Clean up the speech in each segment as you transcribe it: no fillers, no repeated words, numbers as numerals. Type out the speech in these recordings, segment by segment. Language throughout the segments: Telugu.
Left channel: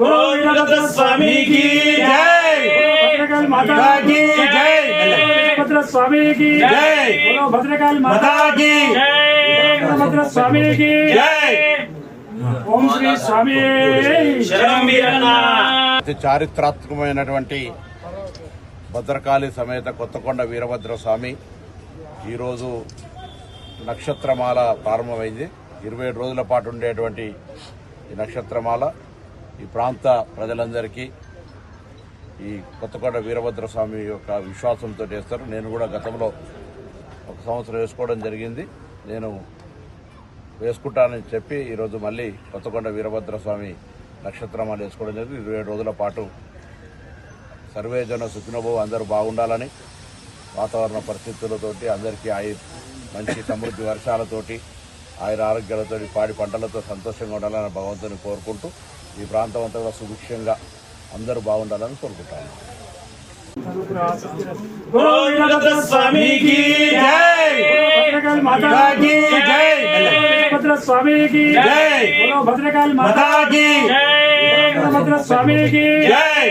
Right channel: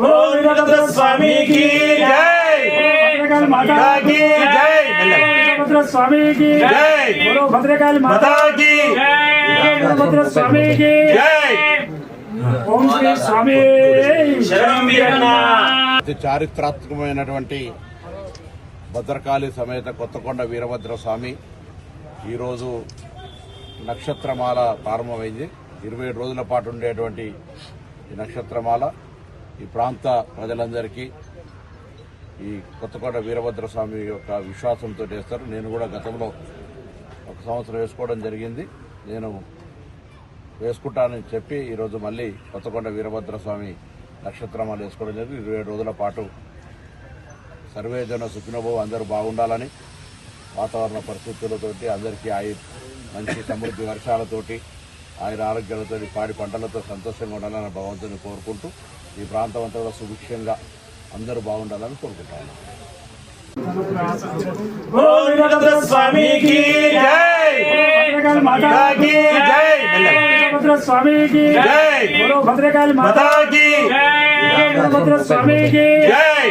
वीरभद्र स्वामी की जय। भद्रकाली माता की जय। वीरभद्र स्वामी की जय। बोलो भद्रकाली माता की जय। वीरभद्र स्वामी की जय। ओम श्री स्वामी शरणं वीरन्ना। చారిత్రాత్మకమైనటువంటి భద్రకాళి సమేత కొత్తకొండ వీరభద్ర స్వామి ఈరోజు నక్షత్రమాల ప్రారంభమైంది. 27 రోజుల పాటు ఉండేటువంటి ఈ నక్షత్రమాల ఈ ప్రాంత ప్రజలందరికీ ఈ కొత్తకొండ వీరభద్ర స్వామి యొక్క విశ్వాసంతో చేస్తారు. నేను కూడా గతంలో 1 సంవత్సరం వేసుకోవడం జరిగింది. నేను వేసుకుంటానని చెప్పి ఈరోజు మళ్ళీ కొత్తకొండ వీరభద్ర స్వామి నక్షత్రమాల వేసుకోవడం జరిగింది. 27 రోజుల పాటు సర్వేజన సుఖినోభవ అందరూ బాగుండాలని, వాతావరణ పరిస్థితులతోటి అందరికీ మంచి సమృద్ధి వర్షాలతోటి ఆయుర ఆరోగ్యాలతో పాడి పంటలతో సంతోషంగా ఉండాలని భగవంతుని కోరుకుంటూ ఈ ప్రాంతం అంతా కూడా సుభిక్షంగా అందరూ బాగుండాలని కోరుకుంటాను. वीरभद्र स्वामी की जय। भद्रकाली माता की जय। वीरभद्र स्वामी की जय। बोलो भद्रकाली माता की जय। वीरभद्र स्वामी की जय।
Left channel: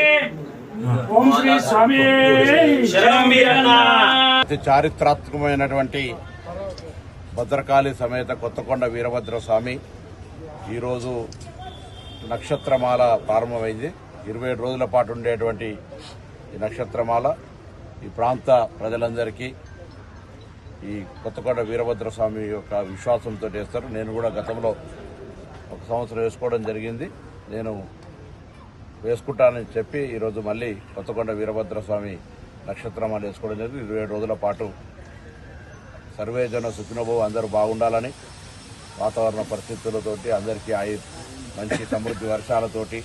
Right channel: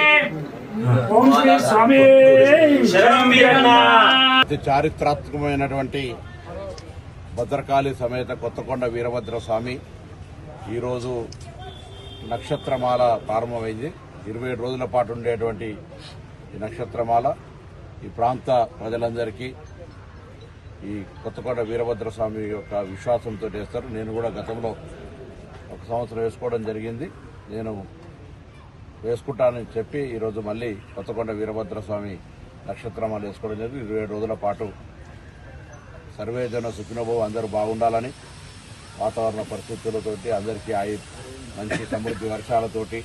ओम श्री स्वामी शरणं वीरन्ना। చారిత్రాత్మకమైనటువంటి భద్రకాళి సమేత కొత్తకొండ వీరభద్ర స్వామి ఈరోజు నక్షత్రమాల ప్రారంభమైంది. 27 రోజుల పాటు ఉండేటువంటి ఈ నక్షత్రమాల ఈ ప్రాంత ప్రజలందరికీ ఈ కొత్తకొండ వీరభద్ర స్వామి యొక్క విశ్వాసంతో చేస్తారు. నేను కూడా గతంలో 1 సంవత్సరం వేసుకోవడం జరిగింది. నేను వేసుకుంటానని చెప్పి ఈరోజు మళ్ళీ కొత్తకొండ వీరభద్ర స్వామి నక్షత్రమాల వేసుకోవడం జరిగింది. 27 రోజుల పాటు సర్వేజన సుఖినోభవ అందరూ బాగుండాలని, వాతావరణ పరిస్థితులతోటి అందరికీ మంచి సమృద్ధి వర్షాలతోటి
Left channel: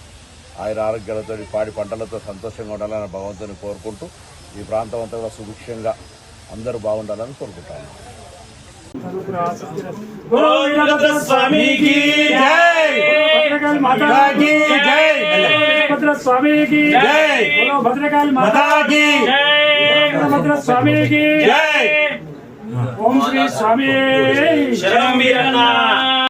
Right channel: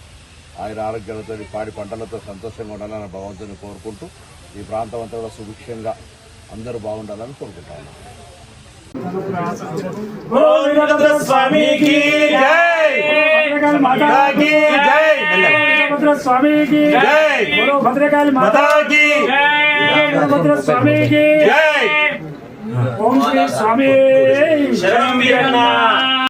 ఆయుర ఆరోగ్యాలతో పాడి పంటలతో సంతోషంగా ఉండాలని భగవంతుని కోరుకుంటూ ఈ ప్రాంతం అంతా కూడా సుభిక్షంగా అందరూ బాగుండాలని కోరుకుంటాను. वीरभद्र स्वामी की जय। भद्रकाली माता की जय। वीरभद्र स्वामी की जय। बोलो भद्रकाली माता की जय। वीरभद्र स्वामी की जय। ओम श्री स्वामी शरणं वीरन्ना।